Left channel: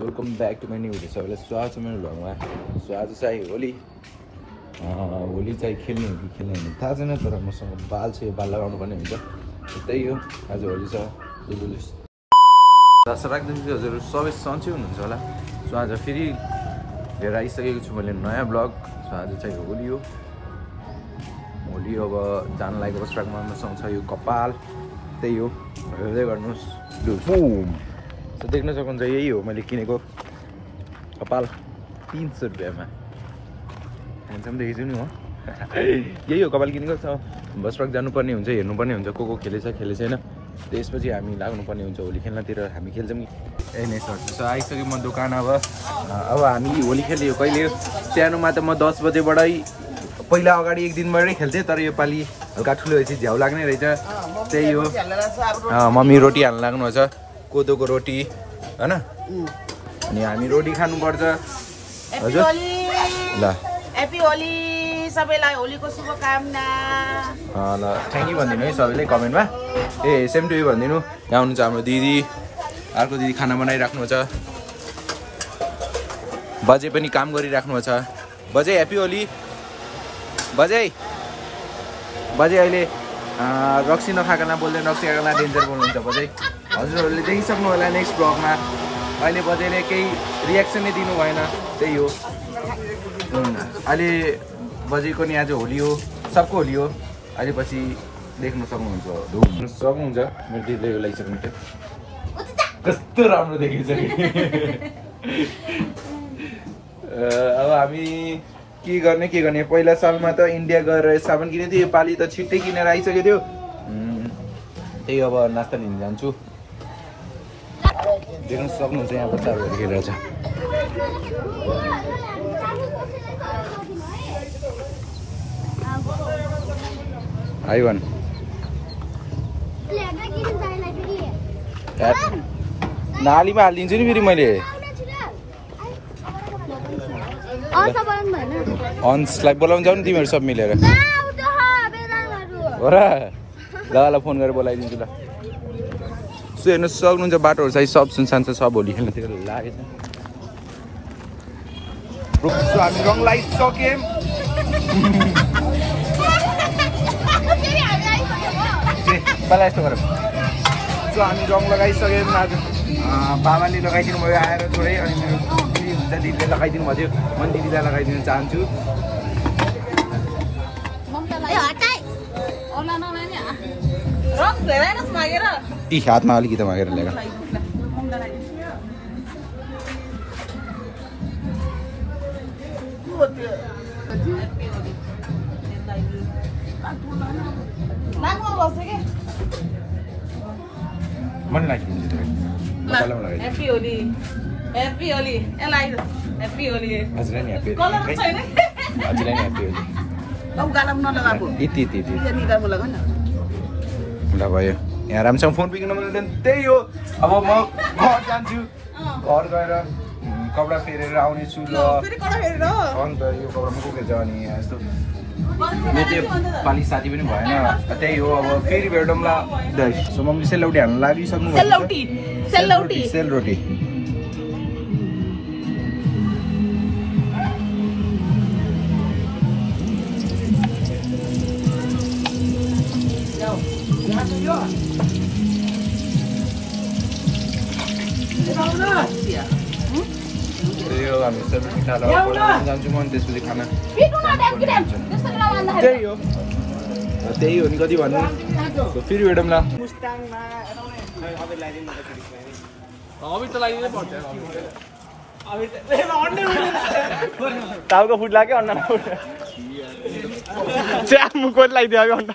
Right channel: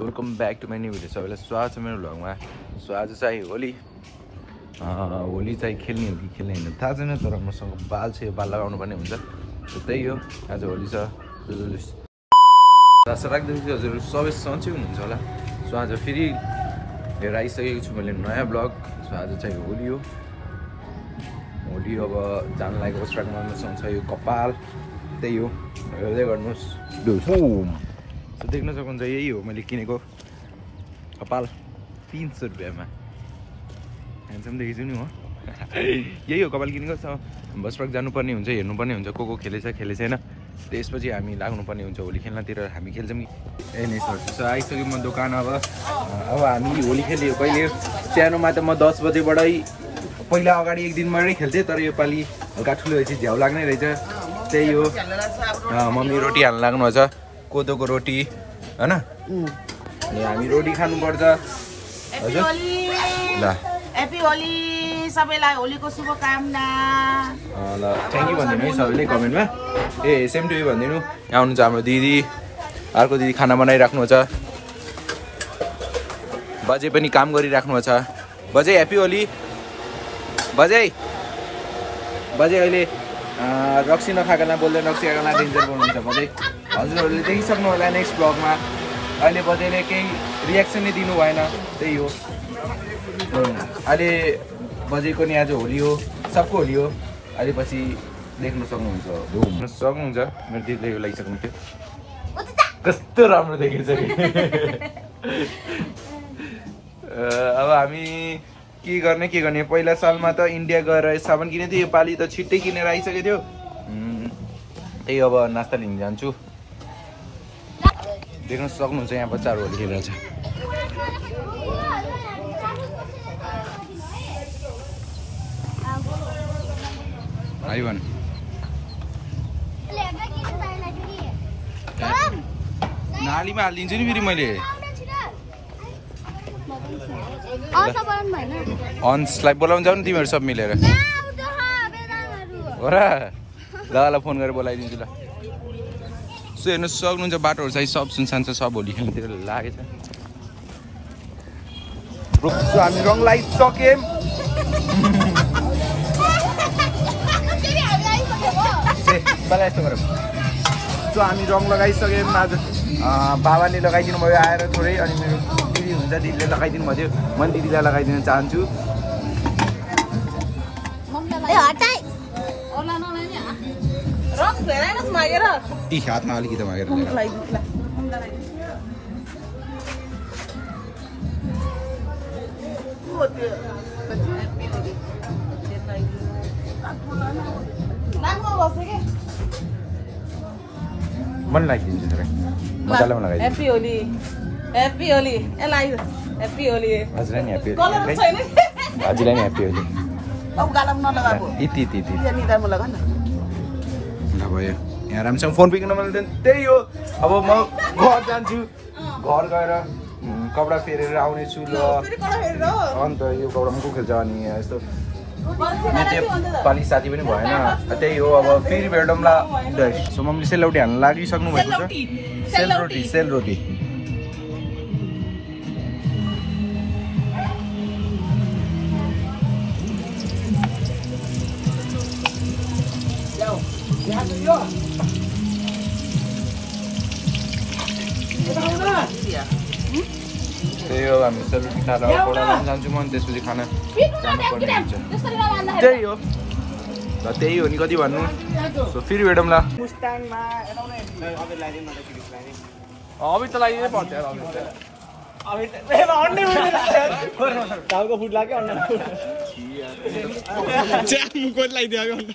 Welcome back to my new video. सबैलाई स्वागत छ मेरो भ्लगमा। सो आज चाहिँ होली चाहिँ खेल्ने हो कि खेल्ने होइन थाहा छैन, तर मसँग बाल छ, यो बाल लगाउनु पर्ने हुन्छ। त्यही हो, आज होली छ। आशा राख्दैछु हजुर सबै सन्चै हुनुहुन्छ होला। सो आज फेरि लिएर आइसकेको छु मैले नयाँ ब्लग। सो आज चाहिँ होली हो। होली अब जान लागेको अवस्थामा मसँग छ यो कपाल। त्यही हो, हेर्दै गर्नुहोस्। सो देख्न सक्नुहुन्छ यही हो मैले किनेको कपाल 300 रुपियाँमा। ह्यान्डसम देखेछु नि हो। यही हो कपाल किनेको छ। बस पार्क जानुपर्ने हुन्छ, हेर्नुपर्ने हुन्छ को खेलेछ खेलेछैन। त्यसपछि हामी लाग्नुपर्ने हुन्छ होली खेल्नतिर। हामी खेल्छौँ कि नै सर्छु। सो आइसक्यो म दोकान। अब हामी होली खेल्यो कहिले। सानोमा त म 10 बजेबाटै पहिला अगाडि एक दिनबाटै खेल्थेँ, तर यो पालि हल्का ठुलो भएपछि झ्याउ लाग्ने रहेछ। त्यही हो, मम्मी रोटी हाल्न लाग्नु छ, कोदोको रोटी होइन। अनि हामी रोटी खानुपर्छ हजुर। ल ह्यापी होली सबैलाई, होलीको शुभकामना। ल थ्याङ्क यू भनिदिनु है सबैले कमेन्टमा। सेम टु यू भनिदिनु। यहाँ हुनुहुन्छ हाम्रो दिदी, अर्को दिदी खाना बनाइराख्नु छ। बजे पनि काम गरिराख्नु छ। बजे ह्याप्पी होली। बजे अहिले रक्सी नखाएकोलाई बोल्दैन, रक्सी खाएकोलाई डेन्जर बोल्नुहुन्छ बजे। हजुरहरूले देखिसक्नु होला नेक्स्ट ब्लगमा। अहिले बजेले केही रियाक्सन नै दिनु भएन। त्यही हो, अहिले बजेको नि आज होली हो, सबको होली हो। अहिले पछि देख्न सक्नुहुन्छ, मेरो दिदीले यो लगाइसक्नु थियो। कस्तो राम्रो देखेछ कि। अब हामी के गर्ने। पहिला सालमा त इन्डिया गएर साबुन किनेको थियो, यो पालि त छिट्टै किनेर आइसकेको थियो। त्यही अब नास्ता लिन जान्छु। देख्न सक्नुहुन्छ यहाँ बच्चाहरू होली खेलिरहेछ। आइवन नालीमा हालिदिन्छु नि फेरि मैले। अन्सलाई बोलाउनु जाऊ नि तिमीहरू सब मिलेर हो र। ल फोन गरेर बोलाइदिन्छु ल। सो हेर्नु सक्नुहुन्छ बाटोहरू चाहिँ सब सुनसान छ, सब होली खेल्नेतिर लागेछ। सो हामी रङ लगाइसक्यौँ। पहिला यस्तो गरौँ। सो हामी रङ लगाइसक्यौँ। आज बाबाले लगाइदिनु भयो आएर थोरै, अनि मेरो दिदी हुन्छ, दिदीले लगाइदिनु भयो। म पनि दिदीलाई लगाइदिन चाहन्छु। यी हातमा अलिकति मागेर ल्याएर मन लगाइदिन्छु थोरै मजाले लगाइदिन्छु। Happy Holi, happy Holi. Happy Holi हजुरलाई नि ह्याप्पी होली। हजुरलाई नि ह्याप्पी होली। ल भयो, यहाँ राम्रोसँग फोन पिक्न नमिल्दैन। त्यही हो, अब म घर जान्छु। घर गएर कपडा फेरेर आउनेछु। ल अन्त यो कपडा मात्रै खेल्छ। अनि यस्तो मेरो पालि साथी पनि भएन। त्यही हो, अब फेरि भेटौँला। सो मम्मीले सेलरोटी हाल्न लागिसक्नु भएको छ। सेलरोटी त्यही हो, हामी सेलरोटी खाएर पढाउन जान्छु म। त्यसपछि खाना जानुपर्ने हुन्छ। त्यही हो र त्यही हो नि, कति भन्नु। सो फेरि भेटौँ ल। टाउको फुट लाग्यो अन्डा मुखको लगाइदियो अब अन्डा।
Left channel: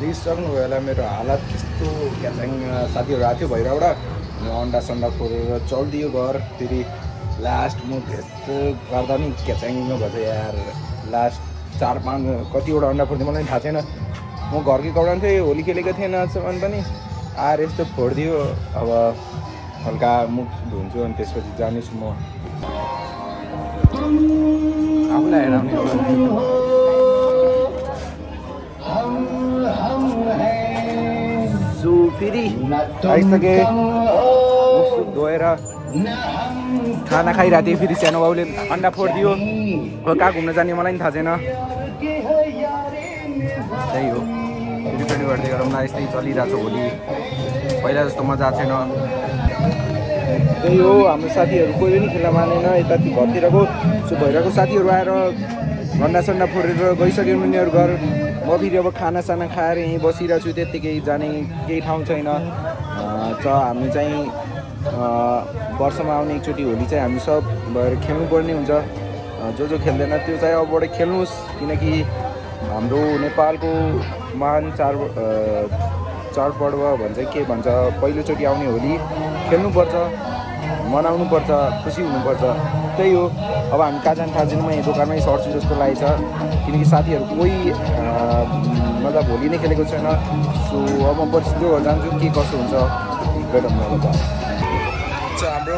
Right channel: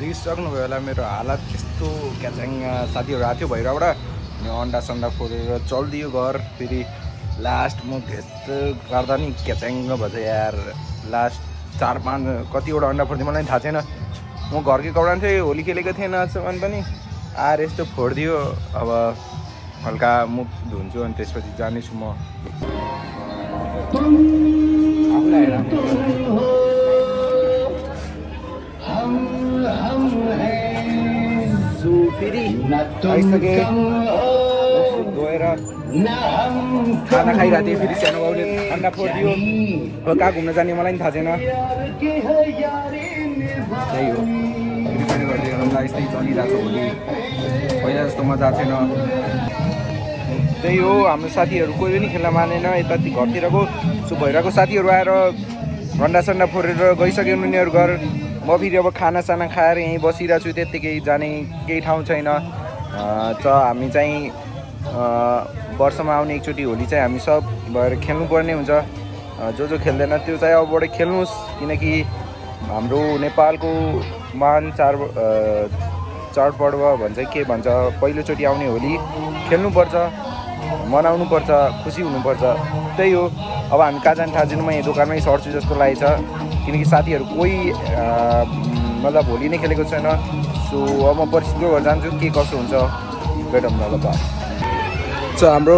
देखिसक्नुभयो होला मेरो हालत कस्तो क्याचाङ। साथीहरू आएको थियो भैरबाट, अनि अन्डा सन्डा फोरेर चलिदियो घर। फेरि लास्ट म यस्तो गर्दा नि क्याचाङ भएछ यार। लास्ट 4-5 कतिवटा अन्डा फोडिदियो मलाई थाहा छैन। म घरकै कपडा थिएँ, होली खेलेको थिएन सामान पनि आएर यस्तो फोडिदियो। अब हल्का मुख धुन्छु अनि त्यसपछि जानेछु म आफूलाई हेर सो फेरि आइसके गएर खाना खाइरहेको थिएँ फेरि सानो बाउले अन्डा फोडिदियो अब कहाँ घुम्न जाने मलाई पनि थाहा छैन त्यही हो रिपेयर गर्दै गरौँला यस्तै चलिरहेको छ होली पहिला जस्तो मजा छैन त्यही हो हाम्रो साथीहरू कोही पनि खेल्न मानेन यता घरतिरको सो भइरहेको साथीहरू आएर अन्डा सन्डा फोडेर गइसक्यो उनीहरू घर म फेरि अब खानासाना खाएर यहीँ बसिरहेको छु त्यत्तिकै जाने केही ठाउँ छैन हामी चाहिँ वर्षमा आउने एकचोटि होली चाहिँ हामी सब भएर खेल्नुपर्ने हुन्छ जो खेल्दैन त्यो चाहिँ अबबाट खेल्नुहोस् किनकि हाम्रो नेपालको महान चाडपर्व भन्छ के भन्छ पहिलोचोटि आउने होली खेल्नुपर्छ मनाउनुपर्छ खुसी हुनुपर्छ त्यही हो अब हामी कहाँ जाने थाहा छैन म यहाँ दोकानमै सर्छु जस्तो लागेको छ किनकि साथीहरू कोही मतलब होली नै खेलेको छैन सो अब म पर्सिको घर जान्छु के कस्तो हुन्छ भेटौँ न ल सो हाम्रो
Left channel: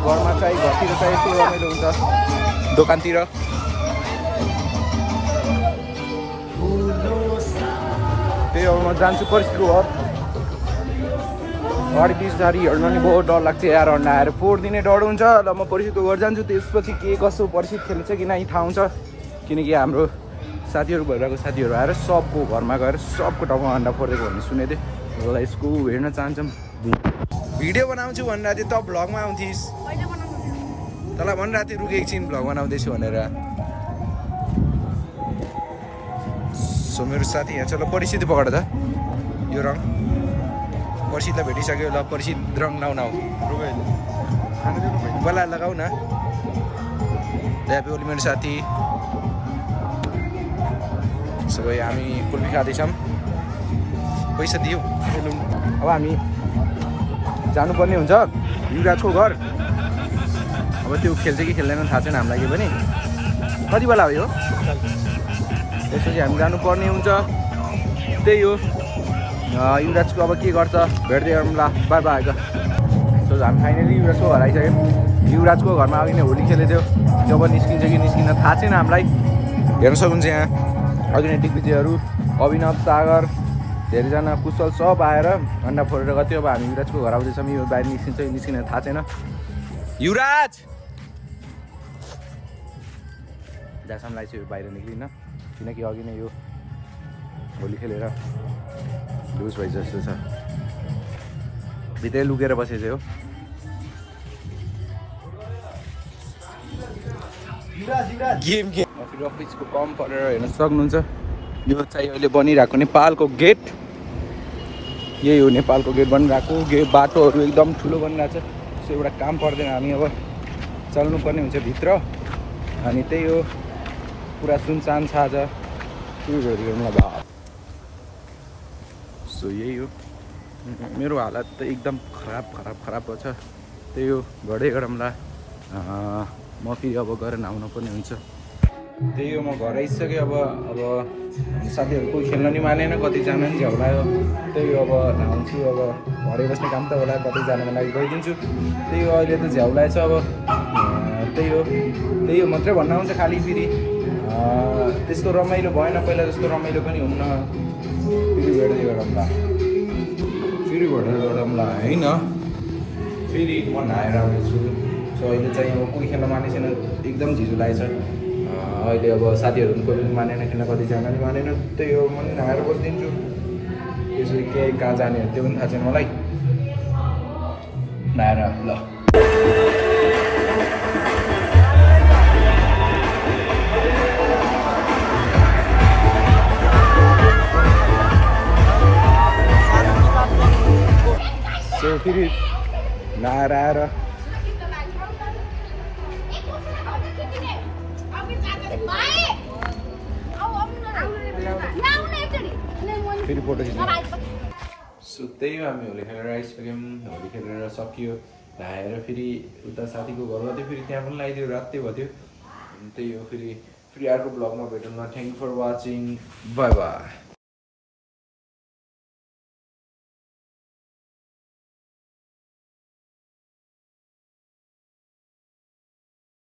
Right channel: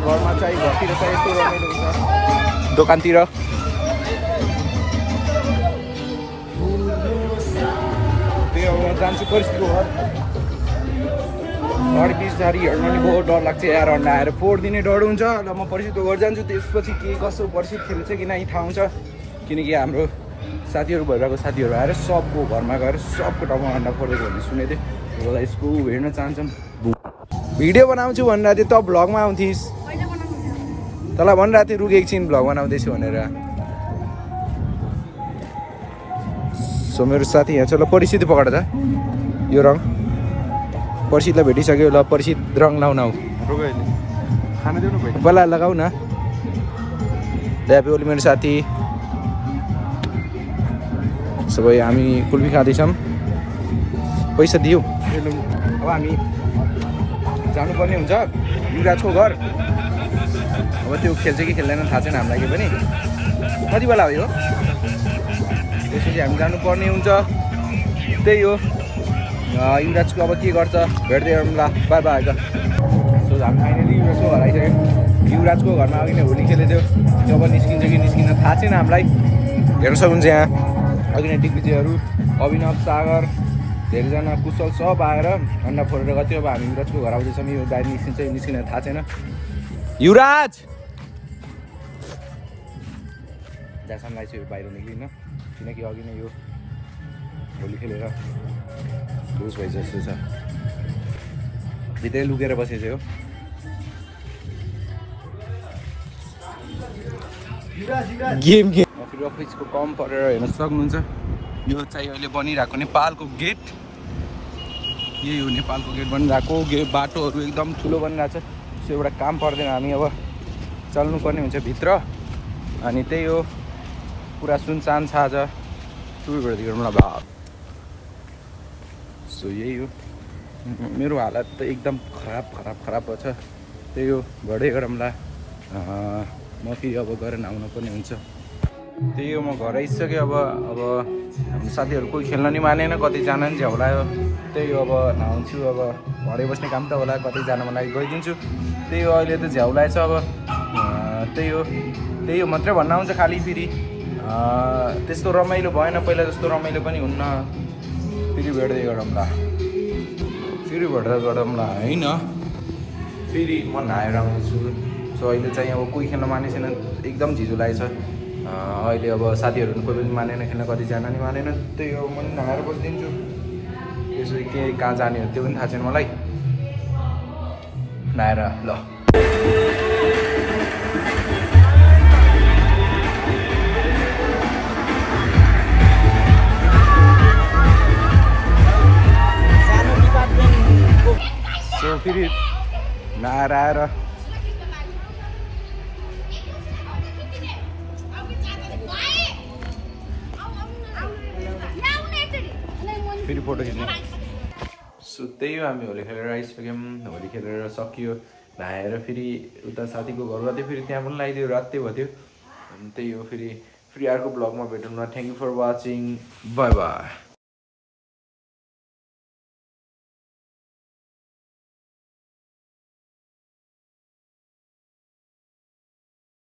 घरमा चाहिँ घरतिर चाहिँ यस्तो रमाइलो हुन्छ दोकानतिर त्यही अब म जान्छु परिस्थितिको घर अरू बिचधारीहरू पनि बहुत डर लाग्छ यार अन्डा आएर फोडिदिने डर हुन्छ र म परिस्थितिको घर जान्छु त्यसपछि के कसो परिस्थिति खेल्छ कि नै थाहा हुन्छ किनकि हाम्रो साथीहरू भइरहेको साथीहरू आएर सबको घरमा गएर सबको टाउमा अन्डा फोडेको भन्ने सुनेको थिएँ र यसको हेर्न चाहन्छौँ भिडियो बनाउँछु भनेर थियो त भ्लगमा आउँथिस् तँलाई भनिरहेको थिएँ रुक एकछिन भ्लग बनाउँदैछु भनेर सो मेरो साथी यहाँ छ ल परिस्थिति पकड त यो रङ परिस्थितलाई भेटिसक्यो ल परिस्थित रङ लाउन पहिला लगाऊ न ल्यापी ओली मेरो साथी सबै हामी कुल्फी खाँदैछौँ पैसा दियो अब हामी जानुपर्ने हुन्छ युवराजको घर अब त्यो खेल्छ कि खेल्दैन थाहा छैन हामीलाई के पनि कति बेला हो यो त्यसपछि हामी जानुपर्ने हुन्छ त्यही हो युवराजको अब के गर्छ भेट्दै गरौँ ल बाई बाई सो हामी फाइनली युवराजको घर आइसक्यौँ युवराजको घरमा अघि नै होली खेलेको थियो जब निस्किन्छ कि निस्किन थाहा छैन हामीलाई हेर्न सक्नुहुन्छ यहाँ अघि नै दिग्विजयहरू अभिनव सागर धेरैजना कुशल सब आएर अन्डा फोडेर गयो अब हामी युवराजको घर आउँदैछौँ यो बाहिर निस्किन्छ कि निस्किन थाहा छैन युवराज जहाँसम्म लाग्छ यो बाहिर निस्किन किनकि अघि नै यो होली खेलेर लुज भए जस्तो छ भित्रै लुकेर बसेको हो गेम फेरि अफिसको कम परेर हेर्न सक्नुहुन्छ यो चाहिँ अहिले बनिरहेको नेपालको गेट यही हो नेपालको गेट बनिरहेको बाटोहरू एकदम ठुलो बनिरहेको छ सो एउटा काम पर्दैन हामी अब चल्नुपर्ने हुन्छ भित्र अनि त्यही हो पुरा सुनसान छ आज सुरु गरौँ न भाव सो यही हो मेरो हालत त एकदम खराब छ त्यही हो घरै गरौँला म फेरि अब गएर नुहाउनु पर्ने हुन्छ त्यही हो म घर आइसकेँ अब साथीहरू कोही खेल्न नि मानेन कतिजना नि झ्याउलायो त्यही हो अब नुहाउँछु अब घरै बस्ने काम त होला कतिजनाको लागि गइदिन्छु त्यही हो अहिले त झ्याउलाएछ अब त्यही हो मात्रै भन्न आउँछ खालि फेरि त्यस्तो रमाइलो भएन पहिला जस्तो रमाइलो पनि हुन्न फेरि भेट्दै गरौँला होइन फेरि म नहाएर आउँछु सो अहिले चाहिँ अब कोही खेल्न माने छैन एकदम झिजो लागेछ अहिले अब साथीहरू पनि कोही पनि मानेन खेल्न कतिजना नि मानेन त्यही हो म नहाएर बसिदिन्छु त्यसो के कहाँ जाने हो त्यो पनि थाहा छैन मलाई नहाएर ल फेरि नहाएर आएर फेरि फोटो खिच्ने सो त्यही हो हामी होली खेलेर आइसक्यौँ होली खेलेर सकियो नहाएर फेरि उता साथीको घर गएको थियो फेरि त्यहाँ पनि लगाइदियो रात भयो थियो त्यही हो फेरि अर्को ब्लगमा भेटौँ न thank you for watching bye by